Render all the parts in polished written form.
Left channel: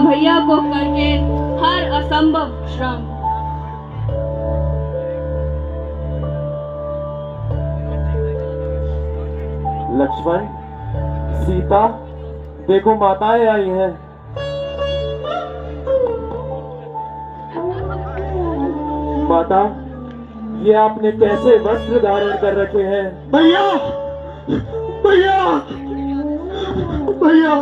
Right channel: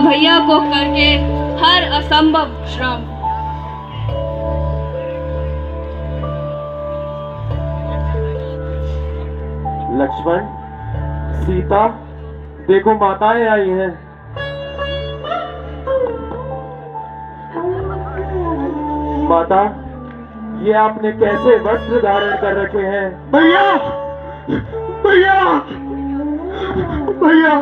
भैया को करके हर असंभव श्रम। लक्ष्मण, सीता, देखो माताएं आई हैं। माता, ये आपने कैसे वस्त्र धारण कर रखे हैं? भैया, भैया, भैया,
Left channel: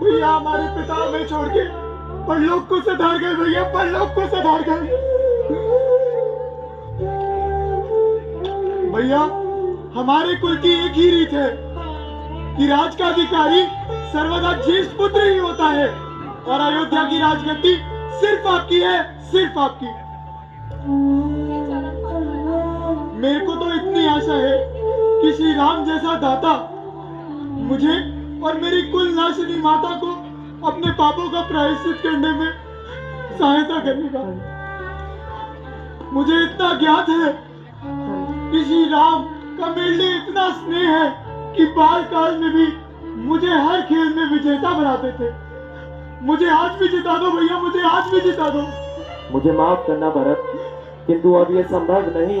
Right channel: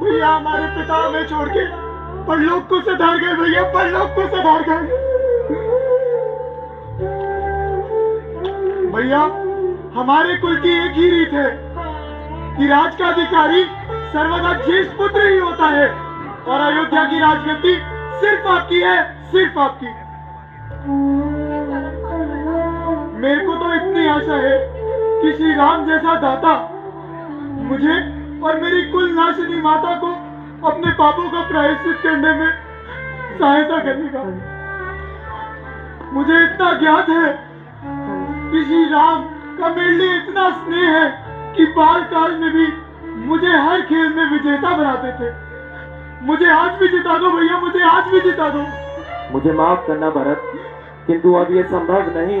भैया हमारे पिता हमें छोड़ के परलोक को सिधार गए। भैया परलोक को सिधार गए। भैया हमारे कुल की एक ही रीत है कि राज का अधिकारी सर्वदा ज्येष्ठ पुत्र ही होता है और अयोध्या की राजगद्दी सिर्फ आपकी है, सिर्फ आपकी। मेरे को तो इतनी आशा है कि श्री राम जैसा दाता मुझे और मेरी कुल नाशिनी माता को अपने पापों का प्रायश्चित करने में सहायता करेगा। मुझे इतना ज्ञात है कि श्री राम का मेरे लिए इतना स्नेह है कि बाल काल में भी मुझे हर खेल में विजेता बनाते थे। मुझे आज भी जिता दो भैया, मुझे आज भी जिता दो। मुझे माफ करना भरत, किंतु अब ये संभव नहीं।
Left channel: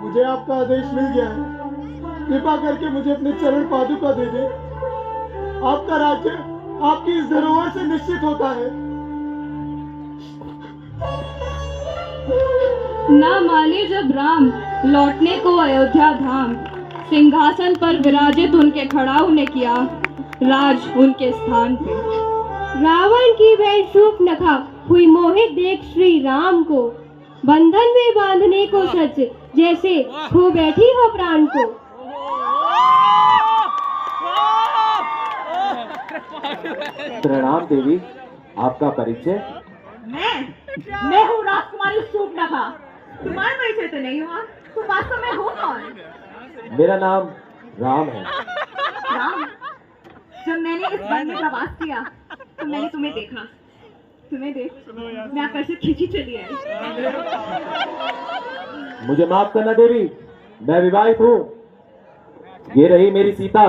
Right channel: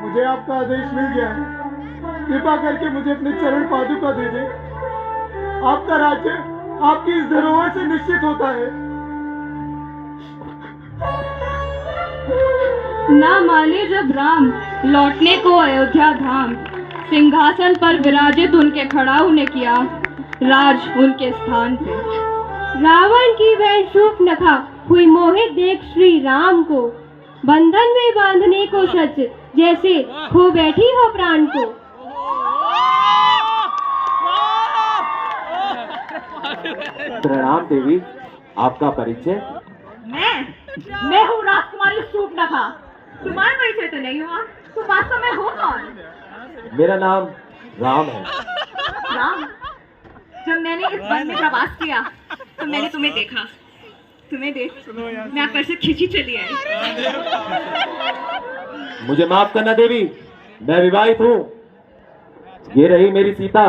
मुझे आपका आदेश मिल गया है, कृपा करके मुझे अपने चरण पादुका दे दे। आपका राज्य आपकी इस धरोहर से निश्चित होता है। ना माने जब राम लौटने को अयोध्या धाम, सिंहासन पर विराजित उनके खड़ा उन्हें किया राज उनके स्थान पे। रावण की वह शूर्पणखा हुई मोहित देख श्री राम को, बंधन में बांधने को सच जैसे खो बैठी हो प्राण को। प्रणाम देवी, आपका परिचय? मैं हूँ राजकुमारी शूर्पणखा। तुम्हारा परिचय तो नहीं हुआ, तुम वास्तव में हो कौन? मेरा नाम राम है। राम, जब मैंने इस वन में प्रवास किया तो मैंने तुम्हें देखा। तुम्हें देख मैं आकर्षित खिंची चली आई। मुझे माफ करना देवी, मैं विवाहित हूँ। ये रही मेरी सीता।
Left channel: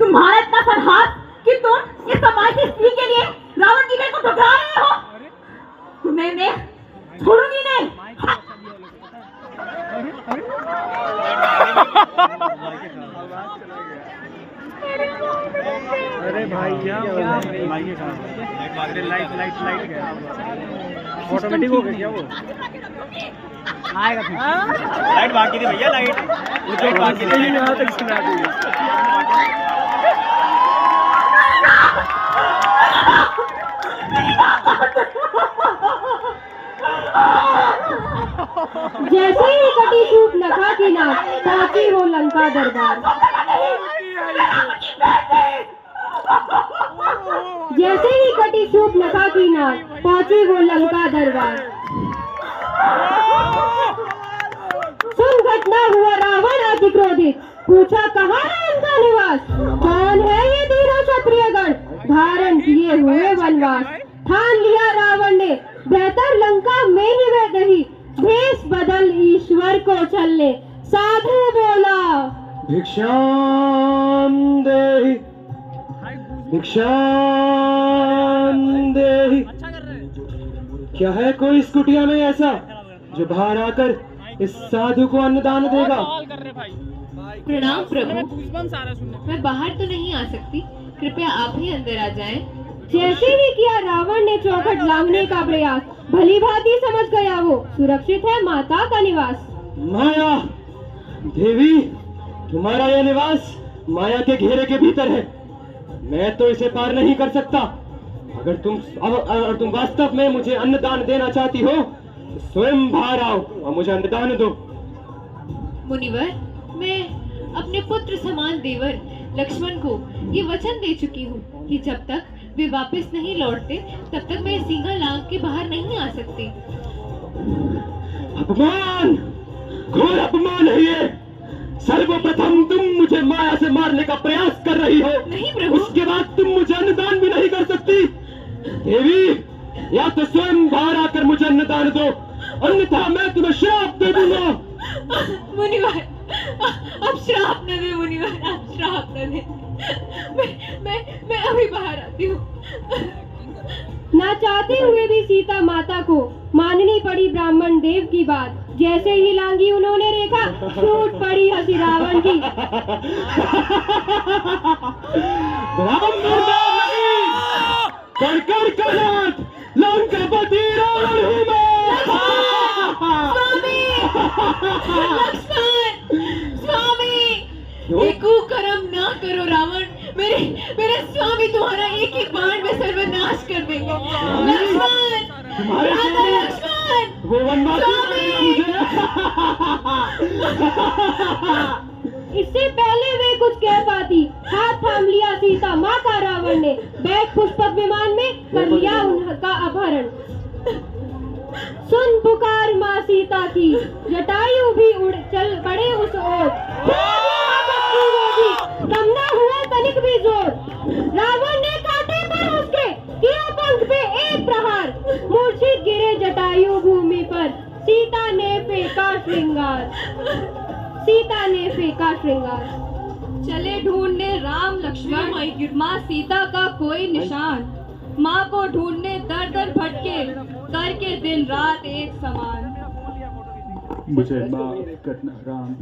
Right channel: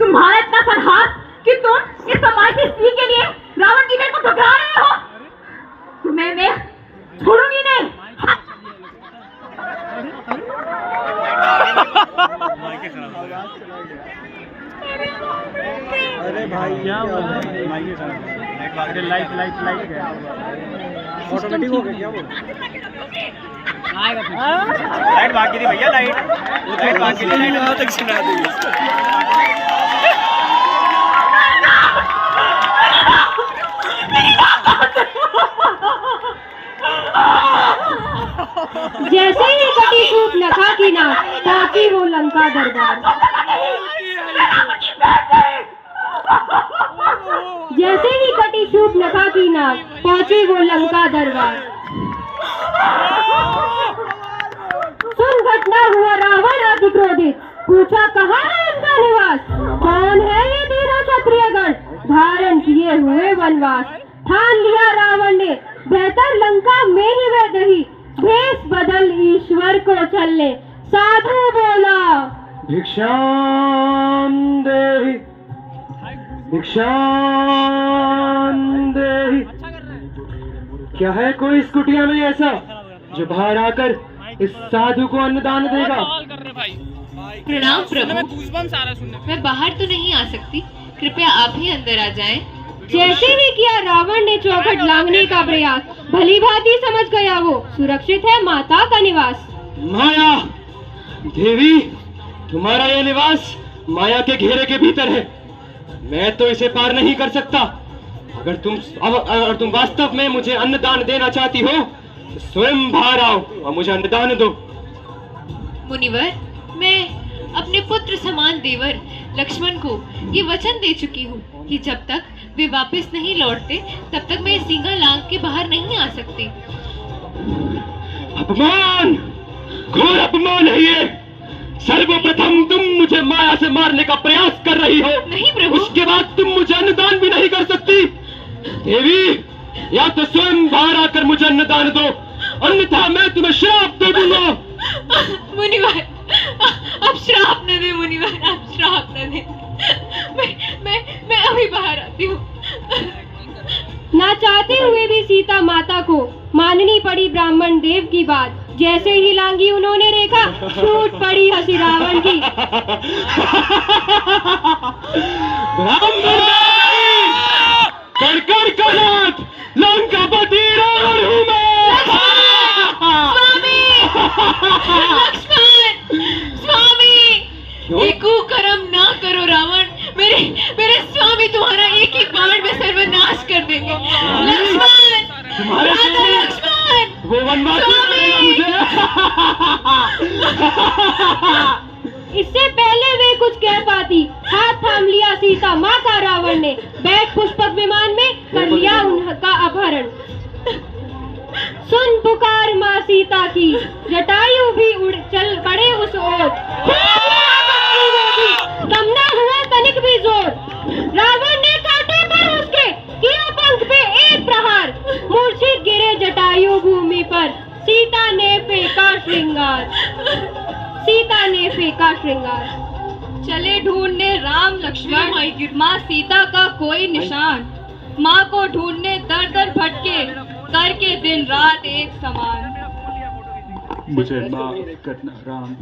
तुम्हारा इतना साहस कि तुम इस समाज की स्त्री के लिए रावण की बेल को ठुकरा रहे हो। तुम्हें मैं छोड़ूंगी नहीं। अरे भाई क्या माइक खराब है। अरे लाइट लाइट लाइट गया, ऑटोमेटिक हो गया वो। आएगा फिर लाइट बाकी थी भैया, लाइट बाकी थी। लाइट वहां तक सुना दी। जैसे ही कटी शूर्पणखा की नाक पहुंची वो लंका दरबार। जैसे ही कटी शूर्पणखा की नाक पहुंची वो लंका दरबार। सुन घटना हुआ रावण अति क्रोधित, पूछा कहाँ है इनका निवास? कौन है ये तीनों क्षत्रियगण धारण किए हुए वनवास? ठान लिया रावण ने बेहतर लंका में ही वह रही, भेष बदल ईश्वर को चलने साधु बोला। भिक्षाम देहि, भिक्षाम देहि। क्या है कोई इस कुटिया में ऐसा जो बाहर आकर इस साधु को अन्नदान देगा? प्रणाम प्रभु, मैं बाहर तो नहीं आ सकती, कृपया आप ही अंदर आ जाएं। जैसे ही किया रावण ने चौखट लांघने का प्रयास, भली भांति समझ गया वो सुरक्षित है माता का निवास। माया देवी, तुम्हारा यह निवास माया के घेरे के भीतर है। मैं तो इसे पार नहीं कर सकता। अगर तुम वास्तव में मुझे अन्नदान देना चाहती हो तो स्वयं बाहर आओ और मुझे अन्नदान दो। मुनिवर, मैं अपने पुत्र समान देवर लक्ष्मण को ये वचन दे चुकी हूँ कि जब तक वे वापस नहीं लौटते तब तक मैं सींगा लांघ के बाहर नहीं आ सकती। अपमान, घोर अपमान है ये। सर्वप्रथम तुम मुझे माया से मारने का प्रयास कर रही हो। नहीं प्रभु। उसके बाद तुम मुझे अन्नदान भी नहीं कर सकती। देवी, या तो स्वयं बाहर आकर मुझे अन्नदान दो, अन्यथा मैं तुम्हें श्राप दे दूंगा। मुनिवर, अब श्राप न दे मुनिवर, आप श्राप न दे। मैं अभी बाहर आती हूँ। ना चाहते हुए भी सीता माता को माननी पड़ी ब्राह्मण देव की बात। जैसे ही लांगी उन्होंने रेखा, छूट पड़ी हंसी रावण की। कड़कड़ का नाथ लंकापति रावण हूँ मैं। लक्ष्मण, स्वामी, ये कुकर्म ना करो रावण। मेरे स्वामी तुम्हारा एक ही बाण में सर्वनाश कर देंगे। लक्ष्मण, तुम्हारे लक्ष्मण, वो वनवासी मुझे। इससे पहले वे कुछ कह पाती, हाथ थाम लिया सीता माँ का रावण ने। बैठ पुष्पक विमान में कर लिया उनका अपहरण। सुन पुकार माँ सीता की, जटायु भी उड़ चल पड़े उस ओर। कम न हुआ तनिक भी जोर, रावण ने काटे पर उसके, किया पंख पे एक प्रहार। मूर्छित गिरे जटायु भूमि पर, सीता ने फेंका श्रृंगार। सीता ने फेंका श्रृंगार। चले ढूंढने राम लक्ष्मण माँ सीता का कोई निशान। माँ को ढूंढने दर दर भटके, करके दिन रात एक समान। मुझे माफ करना राम,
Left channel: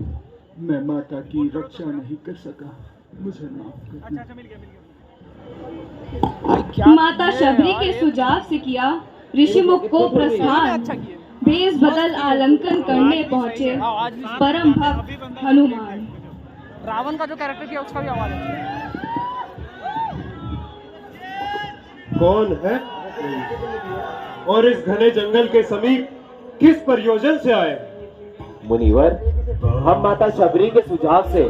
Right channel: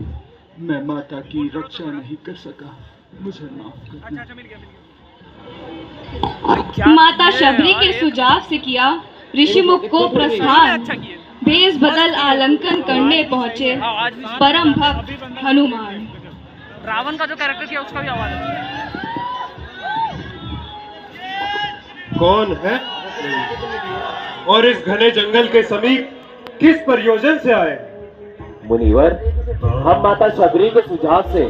मैं माता की रक्षा नहीं कर सका, मुझे माफ करना। माता शबरी के सुझाव से किया ऋषिमुख को प्रस्थान। भेष बदल आलंकन करने पहुँचे परम भक्त हनुमान। रावण का जो कैरेक्टर किया उसका भी आवाज है। कौन है और इस घने जंगल के समीप किस प्रयोजन से आए? मुनिवर, हम माता शबरी के सुझाव से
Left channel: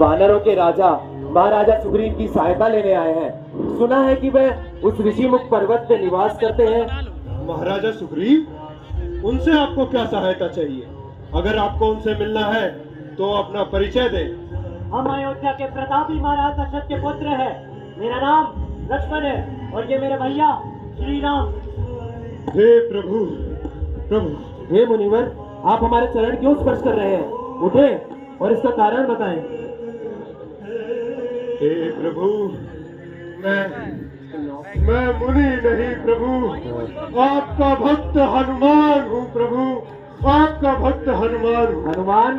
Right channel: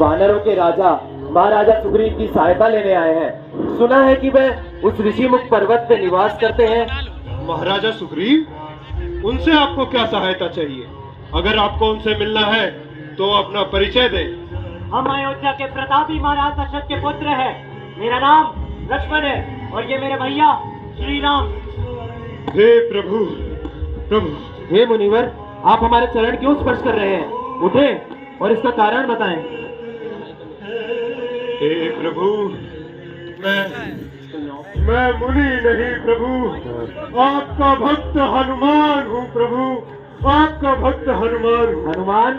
वानरों के राजा महाराजा सुग्रीव की सहायता लेने आए हैं। सुना है कि वे उस ऋषिमुख पर्वत पे निवास करते हैं। महाराजा सुग्रीव, उनसे आपको क्या सहायता चाहिए? अगर आपको उनसे मिलना है तो अपना परिचय दें। हम अयोध्या के प्रतापी महाराज दशरथ के पुत्र हैं। मेरा नाम लक्ष्मण है और ये मेरे भैया श्री राम। हे प्रभु, प्रभु। हे मुनिवर, आप हमारे चरण क्यों स्पर्श कर रहे हैं? उठे और इसका कारण बताएं। हे प्रभु, मैं मुनि नहीं प्रभु, आपका भक्त हनुमान हूँ प्रभु, आपका भक्त हनुमान हूँ। हनुमान,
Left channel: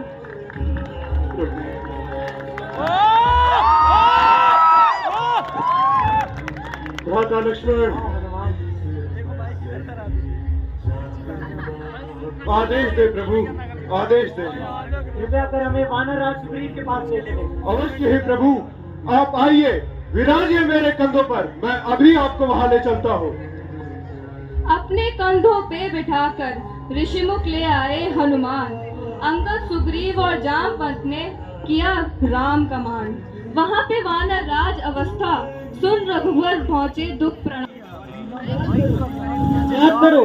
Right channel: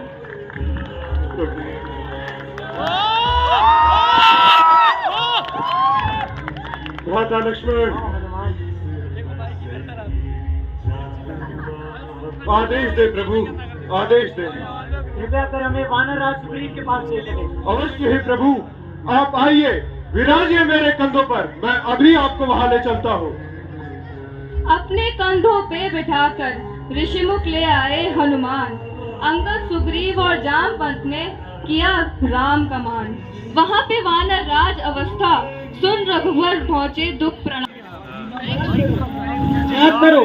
भ्राता लक्ष्मण, आदेश दे प्रभु, आदेश दे। कृपया कर हमें वानरराज सुग्रीव के पास ले चले। अवश्य ही प्रभु, आप आइए, विराजिए मेरे कंधों पर, मैं अभी आपको वहां ले चलता हूँ। अपने कंधों पे बिठाकर ऋषिमुख ले आए हनुमान। अंगद, सुग्रीव और जामवंत ने किया राम का मान। वहाँ पे वानर राज अवस्था सुन रघुवर पहुँचे दुख प्रणाम। याद करो,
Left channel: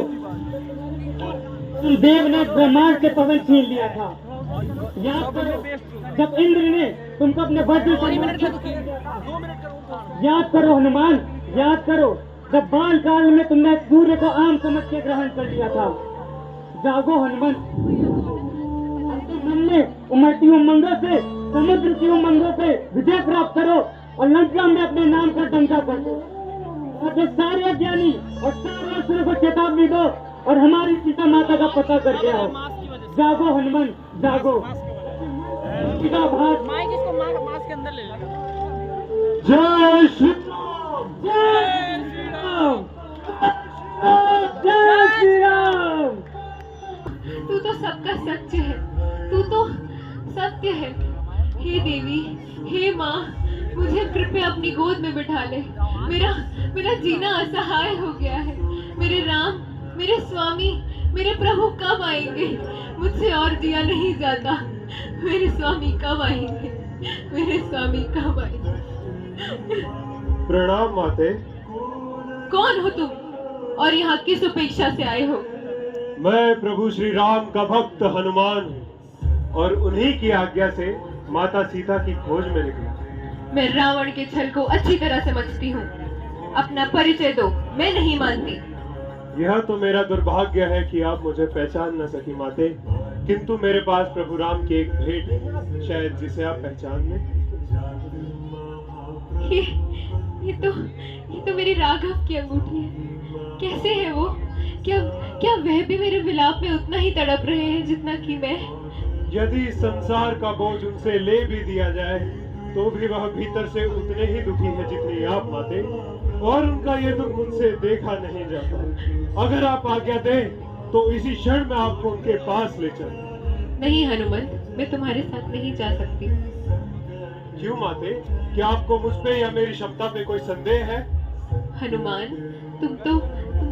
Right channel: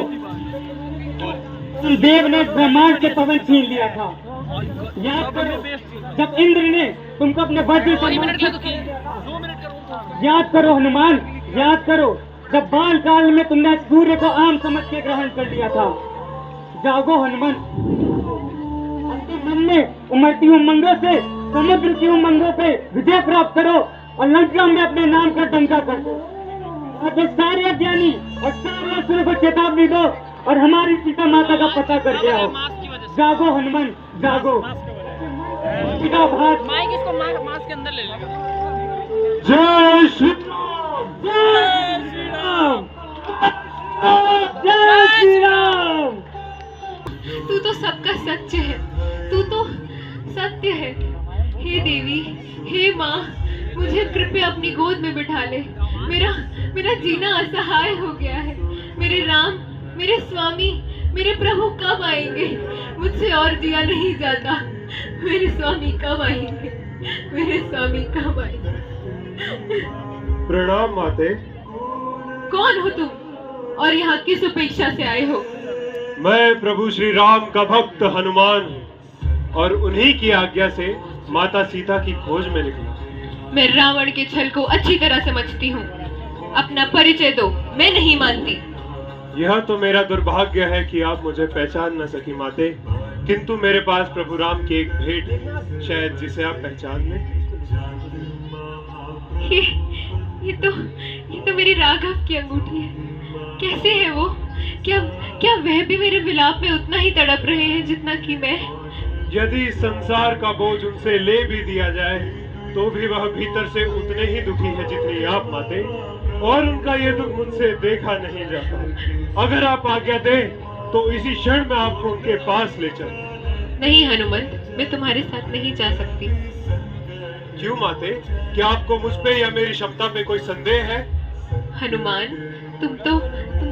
देव ने ब्रह्मांड के पवन छीन लिया था। याद करो जब इंद्र ने तुमको अपने वज्र से याद करो हनुमान, याद करो जब बाल काल में तुमने सूर्य को आम समझ के ग्रहण कर लिया था। जागो हनुमान, अंतिम मन में उमड़ती उमंगों से समुद्र की उमंगों पे विजय प्राप्त करो और लंका में अपने नाम का डंका कर दो। और सारे अज्ञानी और सारे असुरों को चेतावनी दो और हमारी सीता माता का पता कर दिया हो। जागो हनुमान, जागो। सीता भाग माइक इसको मास्क के अंदर ले लेगा। जय श्री राम, जय श्री राम, जय श्री राम। तू तो सबका सच है, तू तो सत्य है। हे देवी, हे माँ, मुझे कृपया अपनी गोद में बिठा ले। मेरा जीना असहाय हो गया है। मेरे राम, मेरे स्वामी, मेरे प्रभु कब आएंगे? मुझसे और जिया नहीं जाता। मेरे स्वामी कब आएंगे? मेरे स्वामी कब आएंगे? प्रणाम माते। कौन हो तुम और यहाँ किस अपेक्षा से आए हो? मैं प्रभु श्री राम का भक्त हनुमान हूँ और उन्हीं की आज्ञा से माता सीता की खोज में निकला। मैं रावण के छल को अच्छी तरह समझती हूँ। अपना परिचय दो, मैं नहीं मानती। यह तो मेरा दुर्भाग्य है कि आप मुझे पहचान न सकी माते। किंतु मेरे पास प्रभु राम की एक भेंट है, शायद जिसे आप पहचान लें। ये तो मेरी राघव की अंगूठी है। कैसे है वो? क्या क्या वह भी मेरे विलाप में उतना ही तड़प रहे हैं जितना कि मैं? यदि संसार का बोझ उनसे ले भी दिया जाए तो भी वह भीतर से उतने ही दुखी है जितनी आप माते, और उनका ये दुख मुझसे देखा नहीं जाता। अगर आप आज्ञा दें तो इसी क्षण में आपको उनके पास ले चलूं। नहीं हनुमंत, मैं तुम्हारे साथ नहीं जा सकती। क्यों माते? क्या आपको मुझ पे या मेरी क्षमता पे कोई संदेह है? हनुमान, तुम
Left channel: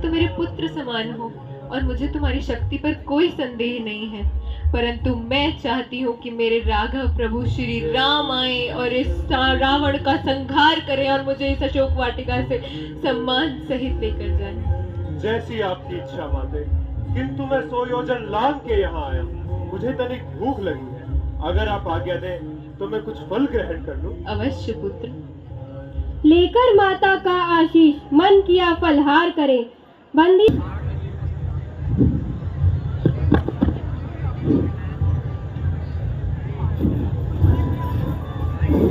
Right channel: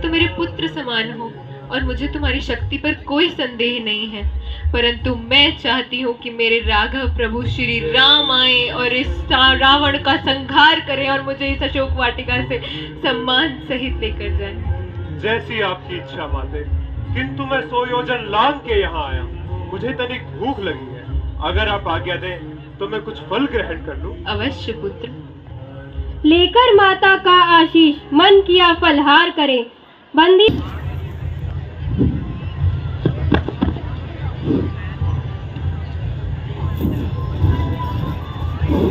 तो मेरे पुत्र समान हो और मुझे तुम्हारी शक्ति पर कोई संदेह नहीं है, परंतु मैं चाहती हूँ कि मेरे राघव प्रभु श्री राम आए और इस रावण का संहार करें और मुझे इस अशोक वाटिका से सम्मान सहित लेकर जाएं। जैसी आपकी इच्छा माते, किंतु मैं 100 योजन लांग के यहाँ आया हूँ। मुझे तनिक भूख लगी है, अगर आप आज्ञा दें तो मैं कुछ फल ग्रहण कर लूं। अवश्य पुत्र। लेकर माता का आशीष मन किया फलहार करे। बंदी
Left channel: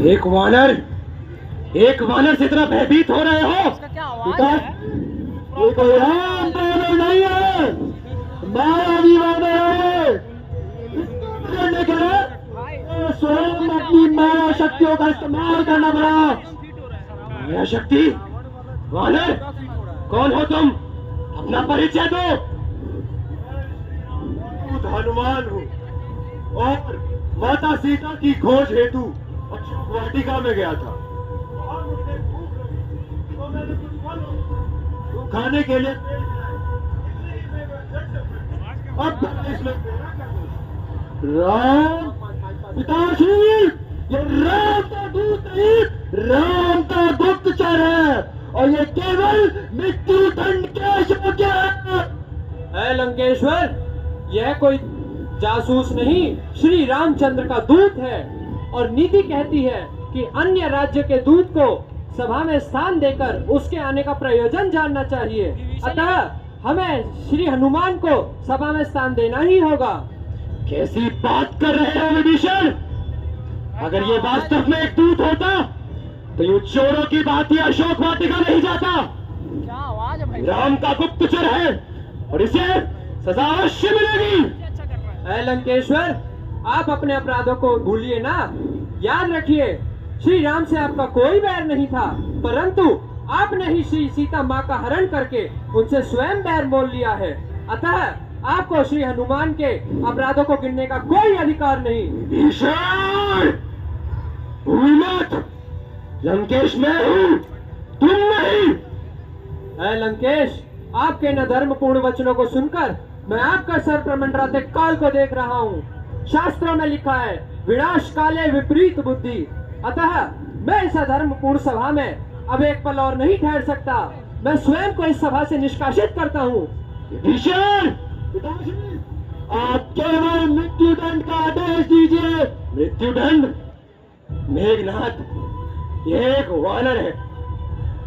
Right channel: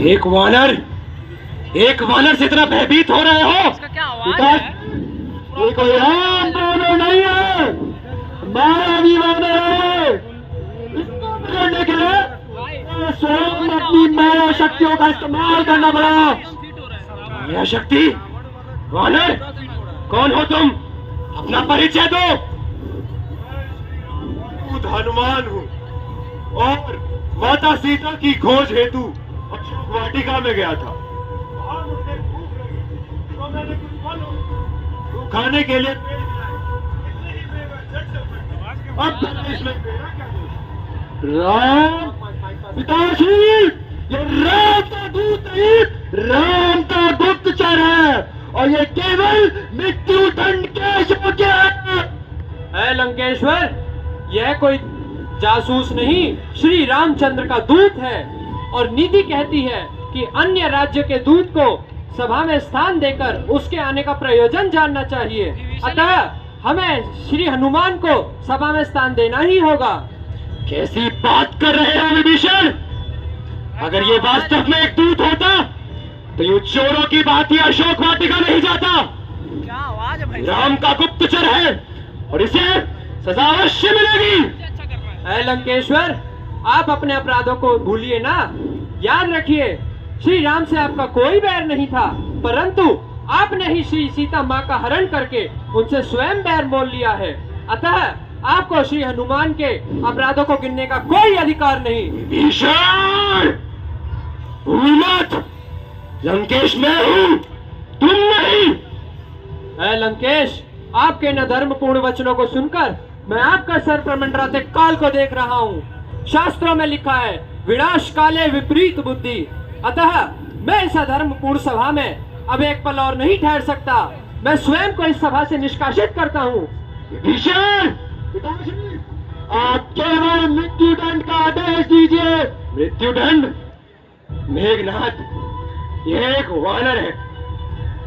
एक वानर से इतना भयभीत हो रहे हो? इसका क्या आवाज है? ये कोई आम वानर नहीं है, मायावी वानर है। इसको पकड़ने के लिए स्वयं अपनी माया शक्तियों का इस्तेमाल करना पड़ा। माया शक्ति? वानर, कौन हो तुम? अपना परिचय दो। खुद हनुमान हूँ और माता सीता की खोज हेतु अशोक वाटिका में गया था। वहाँ मुझे भूख लगी तो मैंने कुछ फल खाने के लिए पेड़ दिया। अब इसमें मेरा क्या दोष? राम पिताश्री, ये राम का दूत नहीं, राम का गुप्तचर है और ये केवल मृत्यु दंड के योग्य है। लंकेश्वर, यह कोई जासूस नहीं, श्री रामचंद्र का दूत है और नीति कहती है कि अन्य राज्य के दूत को सभा में स्थान देकर उसके आने का प्रयोजन जानना चाहिए। अतः हमें श्री हनुमान को सभा में स्थान देना ही होगा। कैसी बात कर रहे हो विभीषण? अगर ये वास्तव में एक दूत होता तो ये चोरों की बात या अशोक वाटिका नहीं जाता। क्या आवाज है भाई? राम का गुप्तचर है और इसे सजा अवश्य मिलेगी। लंकेश्वर, आप अपने अपराधों को भूलिए ना। याद रखिए, श्री राम से आपका कोई बैर नहीं था, परंतु आपने ही श्री सीता माँ का हरण करके उनसे स्वयं बैर मोल लिया है। अतः आपको श्री हनुमान के अपराधों को गिनने का कोई अधिकार नहीं। विभीषण, भूल मत, लंकेश मैं हूँ, तुम नहीं। लंकेश, आपके न धर्मपूर्ण वचनों को सुनकर मैं आपका सर पर मंडराते काल को देख रहा हूँ। शास्त्रों में लिखा है, विनाश काले विपरीत बुद्धि। अतः मैं इस अधर्मपूर्ण सभा में अब एक पल और नहीं ठहर सकता। मैं स्वयं को इस सभा से निष्कासित करता हूँ। विभीषण, आप केवल मृत्यु दंड का आदेश दीजिए। मृत्यु दंड? मेघनाथ, यह एक वानर है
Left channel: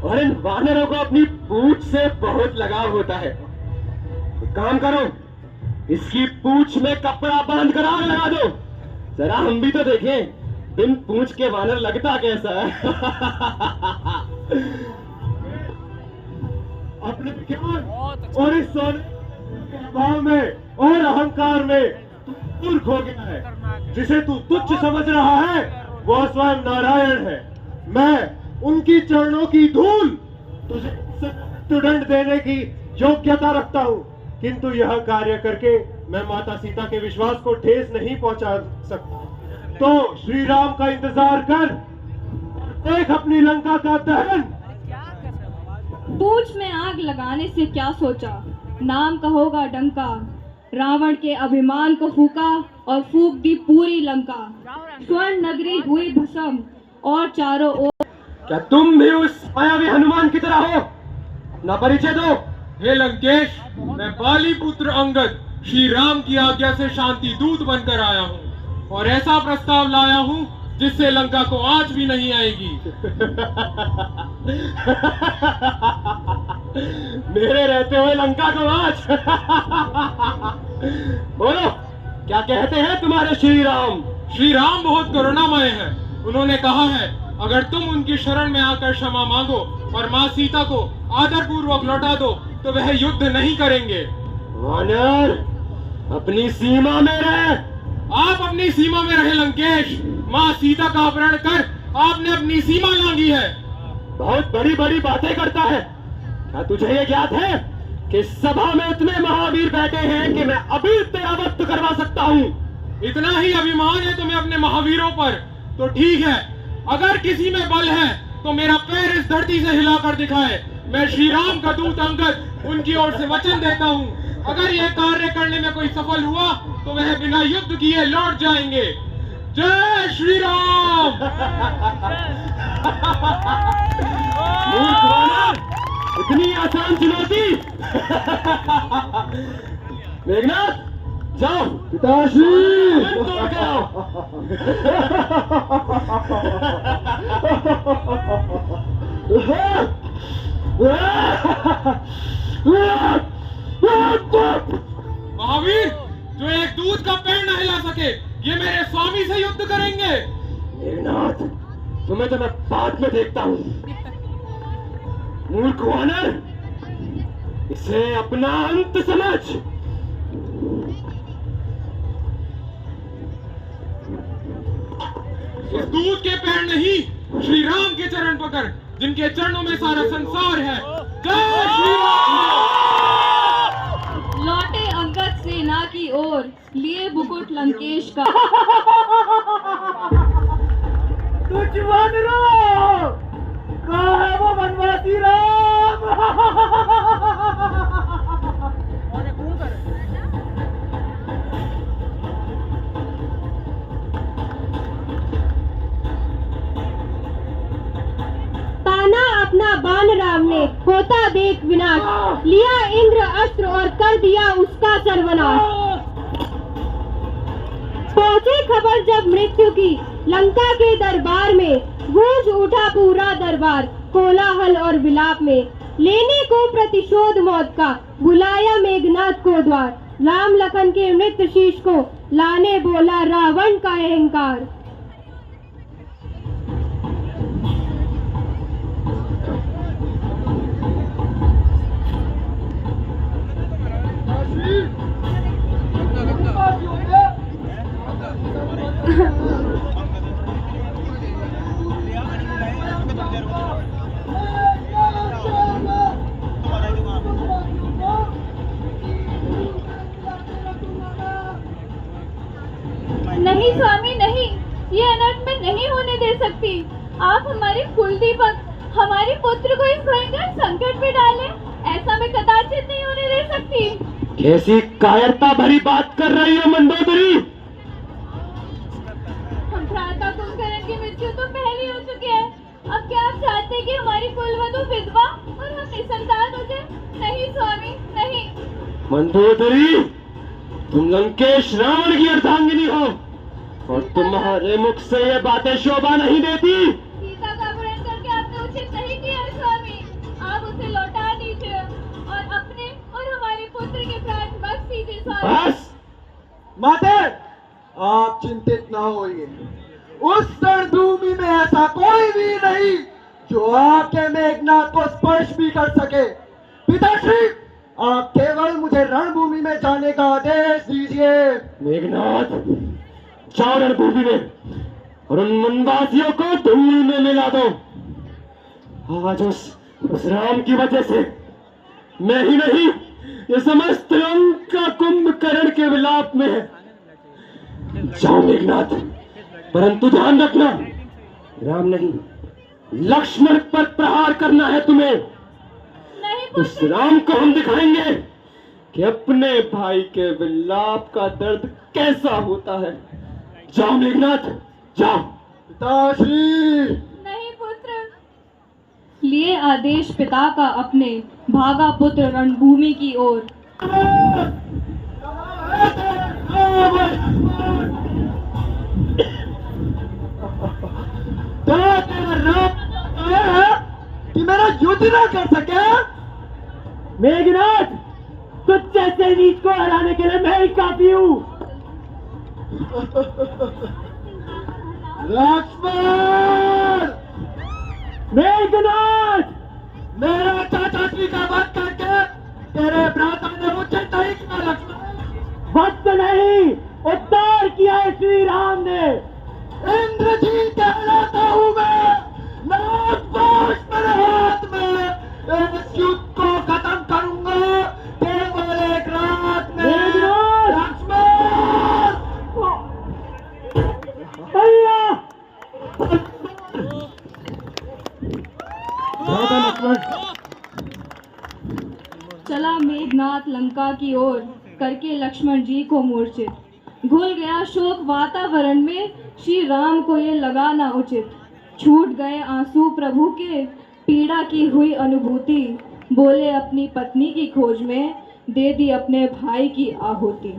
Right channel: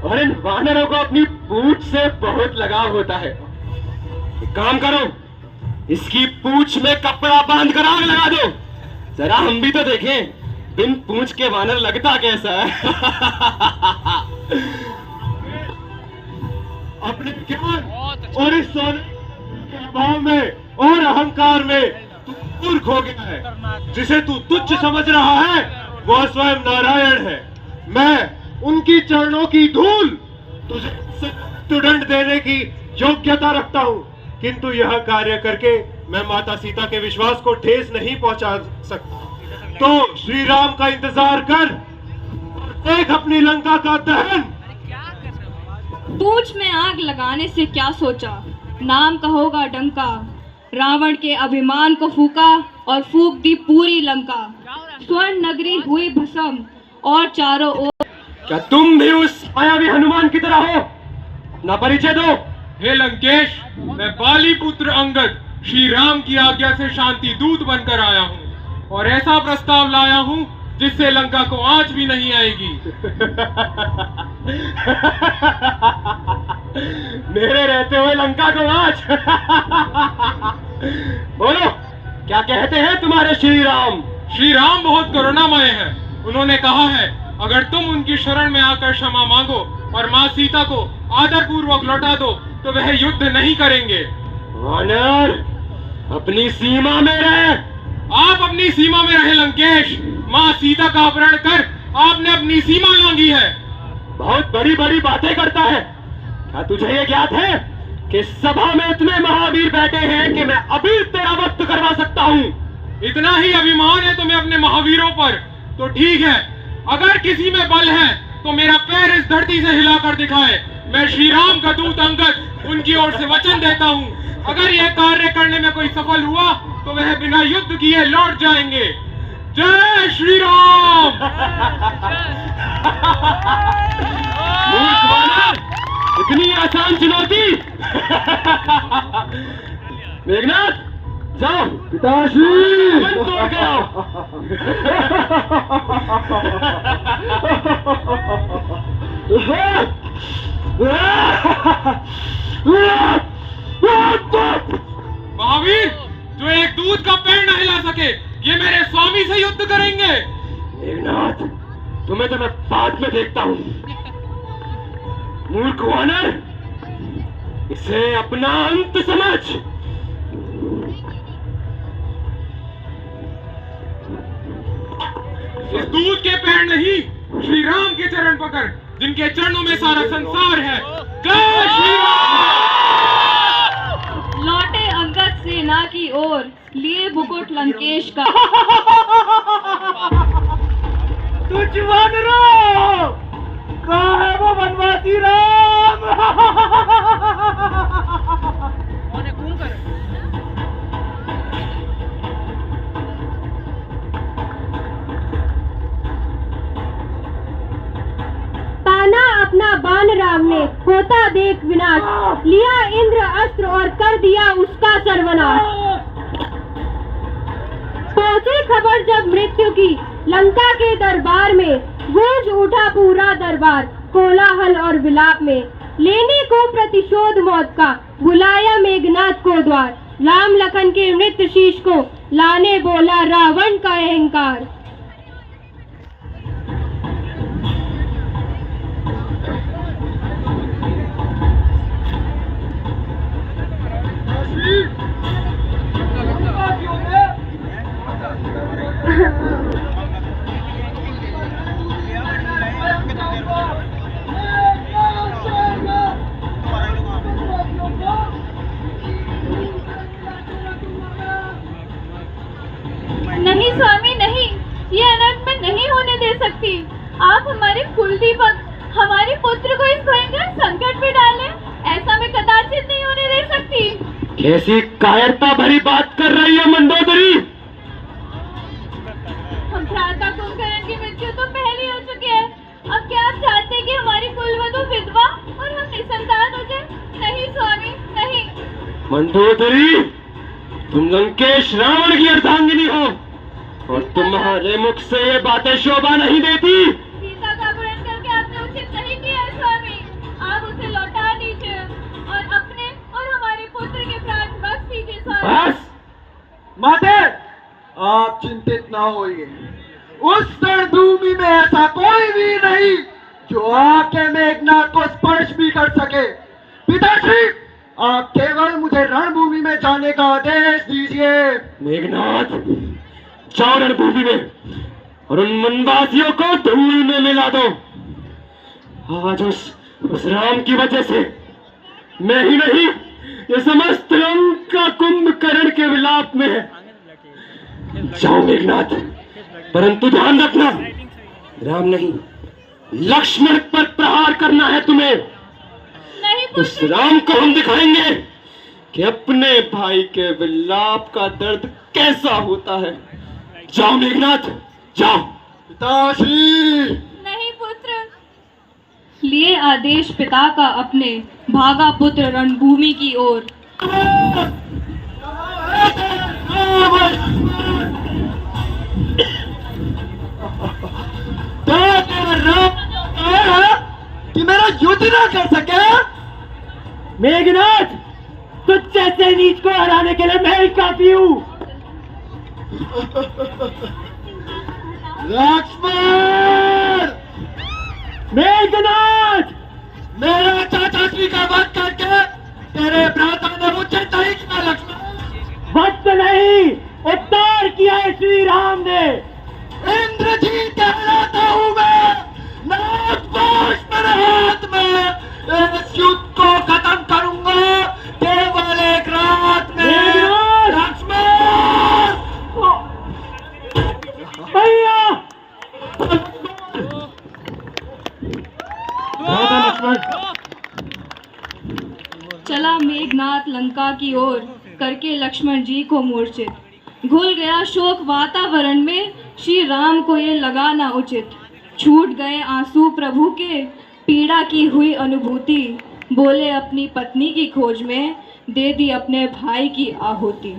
और इन वानरों को अपनी पूंछ से बहुत लगाव होता है। एक काम करो, इसकी पूंछ में कपड़ा बांध कर आग लगा दो, जरा हम भी तो देखें बिन पूंछ के वानर लगता कैसा है। अपने ज्ञान और इस सोने के अभाव में और अहंकार में तू मूर्ख हो गया है। जिसे तू तुच्छ समझ रहा है वह स्वयं नारायण है। मैं उनकी चरणों की धूल तुझे दंड देने की योग्यता रखता हूँ, किंतु यह कार्य करके मैं माता सीता के विश्वास को ठेस नहीं पहुंचा सकता। तो श्री राम का इंतजार कर और देख अपनी लंका का दहन। पूंछ में आग लगाने से क्या सोचा, नाम का होगा डंका। रावण के अभिमान को फूका और फूक दी पूरी लंका। स्वर्ण नगरी हुई भस्म और चारों ओर। क्या तुम भी उस मायावी हनुमान की तरह हो? अपना परिचय दो। हे लंकेश, मैं बाली पुत्र अंगद श्री राम की आज्ञा से शांति दूत बनकर आया हूँ और ऐसा प्रस्ताव लाया हूँ जिससे लंका को आंच भी नहीं आएगी। मेरे रहते हुए लंका को आंच? बोलो, क्या कहते हैं तुम्हारे श्री राम? श्री राम बहुत करुणामय है। उन्होंने कहा है अगर तुम उनकी शरण में आकर क्षमा मांगो और माँ सीता को आदर पूर्वक लौटा दो तो वह युद्ध नहीं करेंगे। वानर, अपनी सीमा में रहे। आप अपनी सीमा में रहे लंकेश। माँ सीता का अपहरण कर आपने अपनी सीमा लांघी है। बहुत बड़ी बड़ी बातें करता है। क्या तुझे ये ज्ञात है कि सभा में इतने महावीर बैठे हैं कि मैं अभी तेरा वक्त करवा सकता हूँ? इतना ही अभिमान है तुम्हें अपने महावीरों पर तो ठीक है, अगर किसी में बल है तो मेरा पैर इस धरती से हिलाकर दिखाए। मैं श्री राम का दूत अंगद उनकी ओर से वचन देता हूँ, अगर यह कार्य करने में कोई सफल हुआ तो वह बिना युद्ध किए लौट जाएंगे। जय श्री राम। मूर्ख वानर, इतनी आसान चुनौती? मेघनाथ, जाओ पिताश्री तोड़ के आओ। महावीर, जो एक दूध का पैर न हिला सके ये मेरे स्वामी से युद्ध करेंगे। मेघनाथ, तुम्हें तो मैं बाद में देखता हूँ। मूर्ख वानर, इसे अपना अंत समझ। इस दूध के पैर नहीं, श्री राम के चरण पकड़, जिनके चरणों में सारा संसार है। जय श्री राम। लौटे अंगद सेना की ओर, लिए मुकुट लंकेश का। तुझ वानरों, कहाँ है वो वनवासी राम? ताना अपना बाण राम ने, होता देख विनाश, लिया इंद्र अस्त्र और कर दिया उसका सर्वनाश। पहुंची खबर जब मृत्यु की लंका के दरबार में, गूंज उठा पूरा दरबार कोलाहल और विलाप में। लेने को प्रतिशोध मौत का, बुलाया मेघनाथ को द्वार। राम लखन के मृत शीश को लाने बोला रावण का अहंकार। नहीं स्वामी नहीं, ये अनर्थ मैं नहीं होने दे सकती। आप हमारे कुलदीपक, हमारे पुत्र को इस भयंकर संकट में डालें, ऐसा मैं कदाचित नहीं होने दे सकती। कैसी कायरता भरी बात कर रही है मंदोदरी? हम भ्राता कुंभकर्ण की मृत्यु तो पहले हो चुकी है। अब क्या आप चाहते हैं कि हमारी कुलवधू विधवा और हम निसंतान हो जाए? नहीं स्वामी नहीं। मंदोदरी, तुम लंकेश रावण की अर्धांगिनी हो और तुम्हारे मुख से ये बातें शोभा नहीं देती। सीता का अपहरण करके आपने उचित नहीं किया है स्वामी। आप उसे लौटा दीजिए और अपने और हमारे पुत्र के प्राण बख्श दीजिए स्वामी। बस माते, आप चिंतित ना होइए। उस रणभूमि में ऐसा कोई भी नहीं जो आके मेघनाथ को स्पर्श भी कर सके। पिताश्री, आप केवल मुझे रणभूमि में जाने का आदेश दीजिए। मेघनाथ, जाओ रणभूमि में और उन वनवासियों को धूल में मिला दो। आज उस राम की वजह से मैं ही नहीं, ये समस्त लंका कुंभकर्ण के विलाप में है। जाओ मेघनाथ, परंतु ध्यान रखना, राम नहीं लक्ष्मण पर प्रहार करना है तुम्हें। उस राम को हम दिखाएंगे कि अपने भाई के विलाप का दर्द कैसा होता है। जाओ मेघनाथ, जाओ। पिताश्री। नहीं पुत्र। लिए आदेश पिता का अपने, भागा पुत्र रणभूमि की ओर। कि मेरा युद्ध ना कर सके? मेघनाथ, तुझ जैसे नीच को हराने के लिए मैं ही काफी हूँ। लक्ष्मण! मेघनाथ! मेरे चाचा जी का वध करके तेरे भ्राता ने मुझे नहीं किया लक्ष्मण। वध नहीं, उद्धार किया है श्री राम ने। इंद्रजीत कहलाता हूँ मैं। नागपाश मेरे हाथ में। इस युद्ध को खत्म करूंगा केवल एक रात में। लक्ष्मण! भैया! लक्ष्मण! चला मेघनाथ लंका की ओर करके लक्ष्मण जी को मूर्छित। घुल गया शोक वातावरण में, श्री राम को ये लगा ना उचित। छूट गए आंसू प्रभु के, पीड़ा की हुई अनुभूति। बोले अपनी पत्नी की खोज में, दे दी अपने भाई की आहुति।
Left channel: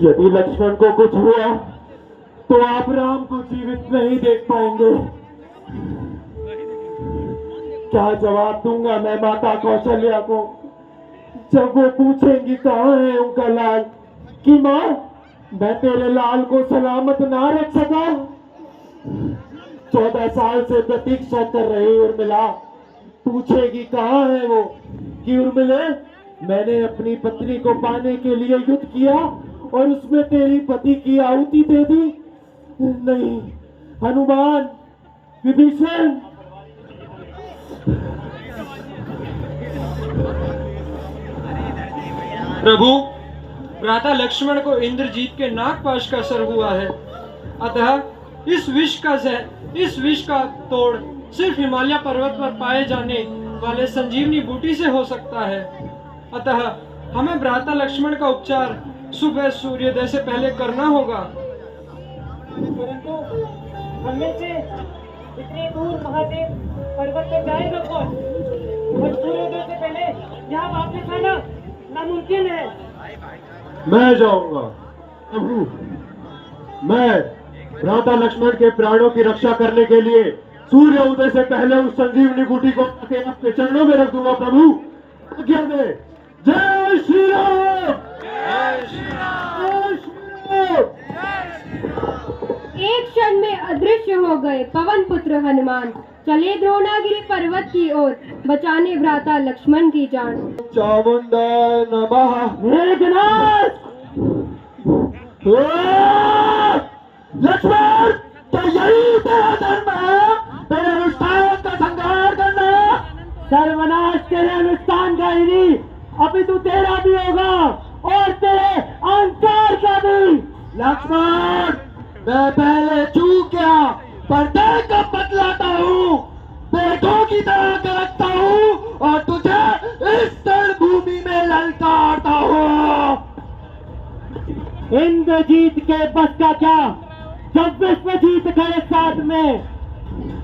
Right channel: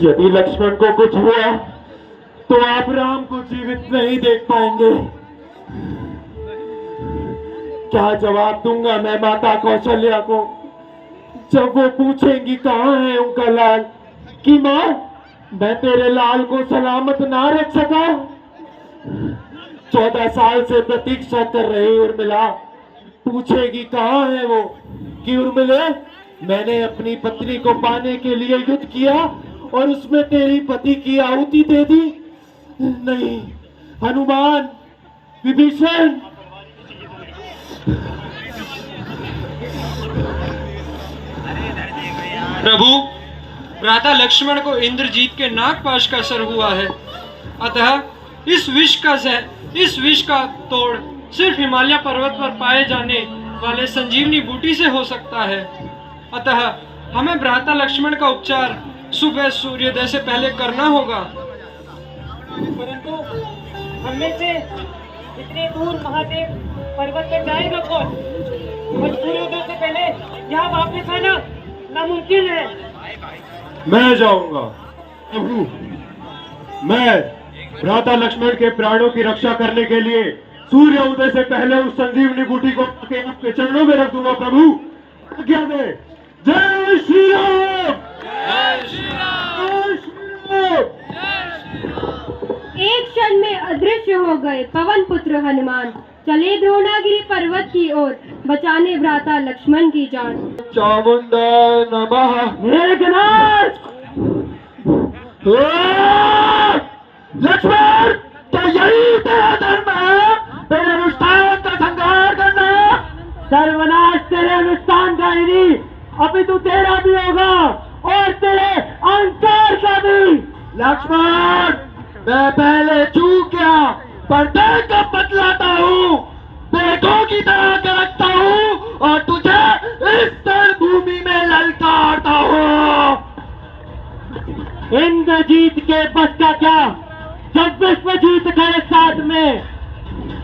यदि लक्ष्मण को कुछ हुआ तो आप राम को जीवित नहीं देख पाएंगे। क्या जवाब दूंगा मैं माता कौशल्या को जब वो पूछेंगी कहाँ है उनका लाल? कि माँ, मैं तेरे लाल को सलामत ना रख सका। 14 साल से प्रतीक्षा कर रही उर्मिला पूछेगी कहाँ है वो? कि उर्मिले, मैंने अपनी पत्नी को पाने के लिए युद्ध किया और उसमें तेरी पति की आहुति दे दी। नहीं, हनुमान, विभीषण। प्रभु, भ्राता लक्ष्मण को इंद्रजीत के नागपाश का असर हुआ है। अतः इस विष का तोड़ सिर्फ हिमालय पर्वत पर पाए जाने वाले संजीवनी बूटी से हो सकता है। अतः हमें भ्राता लक्ष्मण का उपचार सुबह सूर्योदय से पहले करना होगा। परंतु हमें से इतने दूर महादेव पर्वत पर जाएगा कौन? और सूर्योदय से पहले यहाँ वापस आना नामुमकिन है। मैं जाऊंगा प्रभु। मैं भ्राता लक्ष्मण के प्राणों की रक्षा करने के लिए सूर्य उदय से पहले उस संजीवनी बूटी को आपके चरणों में रख दूंगा प्रभु। आज्ञा दे। जय श्री राम! जय श्री राम! जय श्री राम! एक क्षण में अदृश्य हो गए पवन पुत्र हनुमान। चले द्रोणागिरी पर्वत की ओर बचाने भ्राता लक्ष्मण की जान। चामुंडा नमः। मेघनाथ! लक्ष्मण, तो यही तेरा धर्म है? तेरे अनुष्ठान का संहार करना? सर्वनाश तेरे अनुष्ठान का ही नहीं, अभी तो तेरा भी होगा और तेरे अहंकार का भी। लक्ष्मण, मैं पहले चूक गया पर मैं कब बतलाता हूँ। बेटों की तरह के रखता हूँ और तुझे इस भूमि में ललकारता हूँ। इंद्रजीत के बस का क्या जब विश्वजीत खड़े साथ में।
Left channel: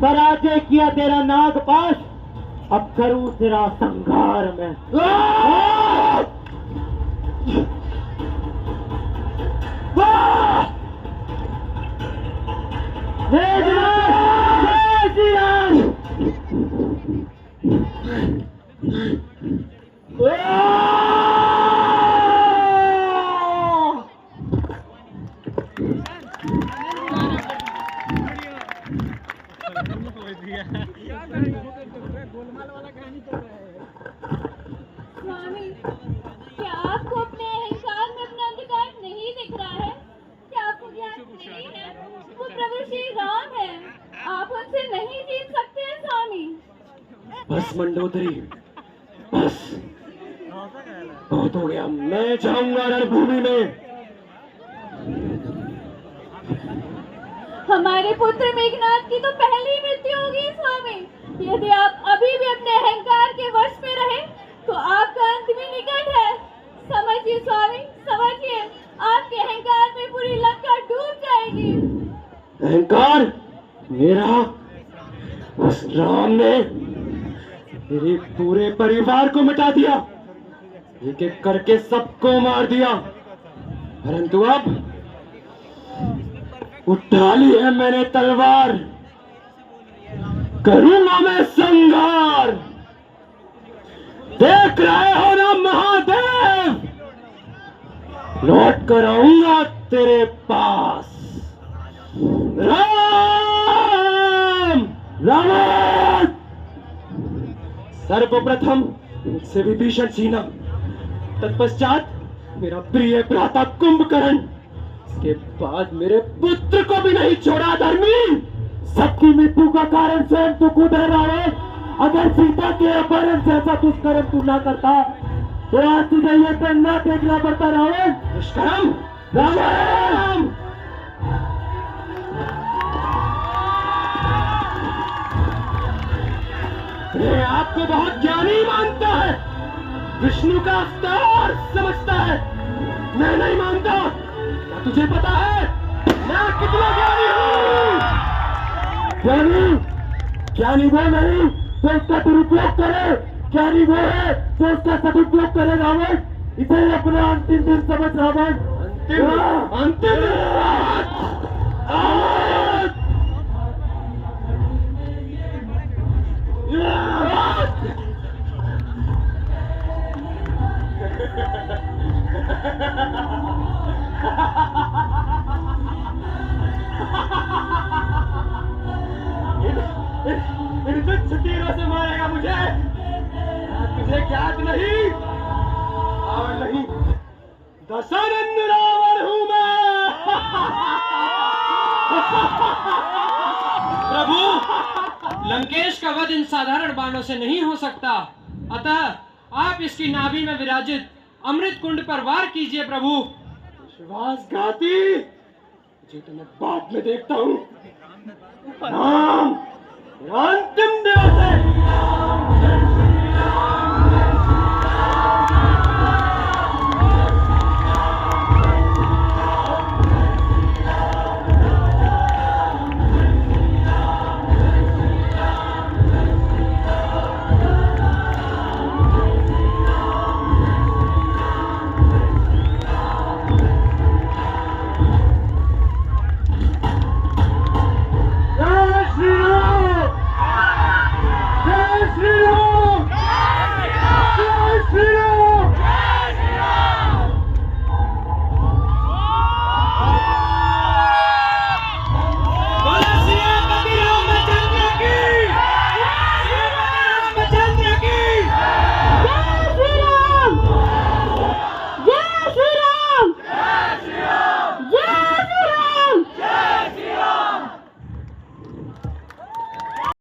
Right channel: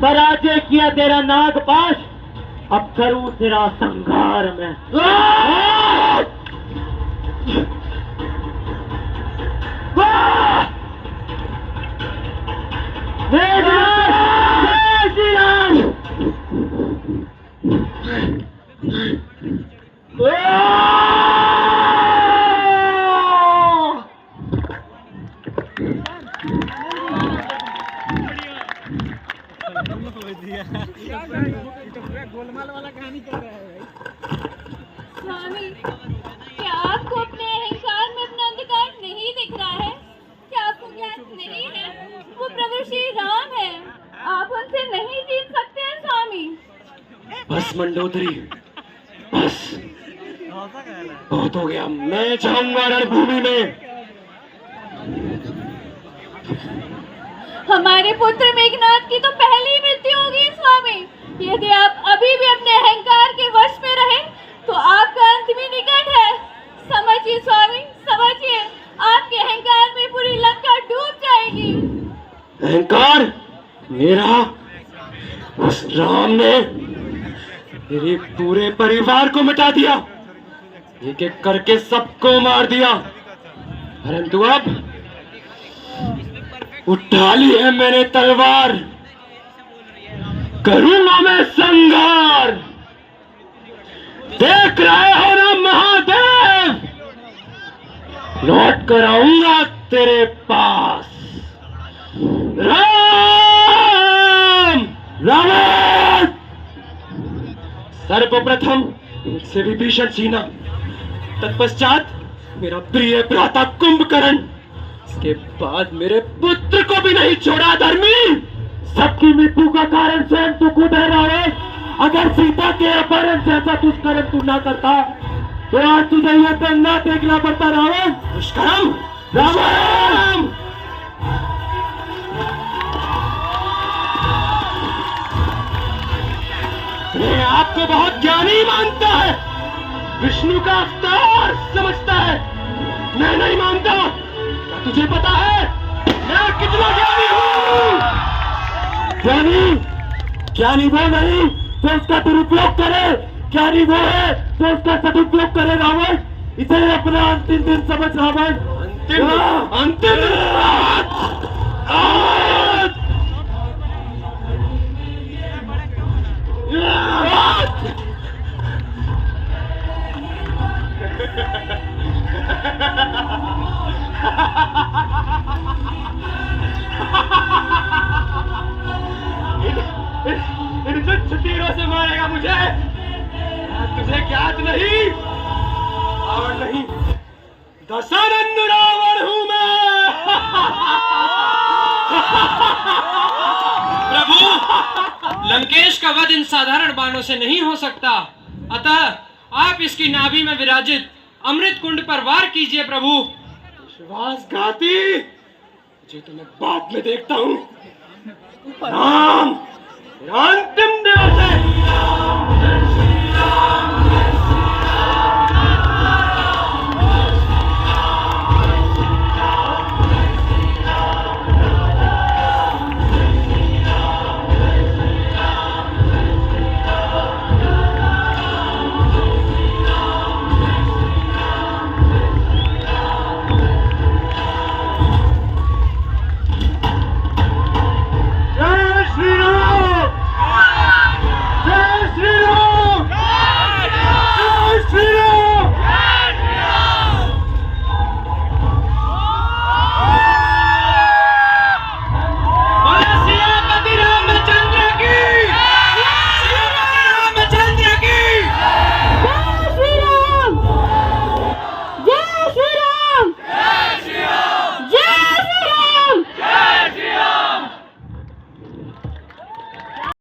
पराजय किया तेरा नागपाश, अब करूं तेरा संहार में। जय श्री राम! स्वामी, क्या आपको अपने अहंकार में अपना अधिकार नहीं दिख रहा है? क्या आपको ज्ञान नहीं है वो प्रभु श्री राम है? आप उनसे नहीं जीत सकते हैं स्वामी। बस मंडोदरी, बस बहुत हो गया। मैं जाऊंगा रणभूमि में। हमारे पुत्र मेघनाथ की तो पहली मृत्यु होगी स्वामी। यदि आप अभी भी अपने अहंकार के वश में रहे तो आपका अंत भी निकट है। समझिए स्वामी, समझिए, आपके अहंकार में पूरी लंका डूब जाएगी। अहंकार मेरा? उस राम ने मेरे पूरे परिवार को मिटा दिया, एक एक करके सबको मार दिया। परंतु अब उठा ली है मैंने तलवार, करूंगा मैं संहार। देख रहे हो ना महादेव, लौट कर आऊंगा तेरे पास। राम रावण सर्वप्रथम मुझसे विभीषण सीना, तत्पश्चात मेरा प्रिय भ्राता कुंभकर्ण, इसके बाद मेरे पुत्र को भी नहीं छोड़ा धर्मी। सबकी मृत्यु का कारण स्वयं तू खुद है रावण। अगर सीता के अपहरण से ऐसा दुष्कर्म तू ना करता तो आज तुझे ये दिन ना देखना पड़ता रावण। दुष्कर्म रावण! ये आपको बहुत ज्ञानी मानता है, विष्णु का अवतार समझता है। मैं नहीं मानता। क्या तुझे पता है मैं कितना ज्ञानी हूँ? ज्ञानी ज्ञानी वो नहीं जो उसका दुरुपयोग करे, ज्ञानी वो है जो उसका सदुपयोग करे रावण। इसे अपना अंतिम दिन समझ रावण। अंतिम इन तुच्छ तीरों से मारेगा मुझे? तुझे ज्ञात नहीं और नहीं, दशानंद रावण हूं मैं। प्रभु, लंकेश का वध इन साधारण बाणों से नहीं हो सकता, अतः आप इसकी नाभि में विराजित अमृत कुंड पर वार कीजिए प्रभु। विश्वासघाती, तुझे तो मैं बाद में देखता हूं। राम, अंतिम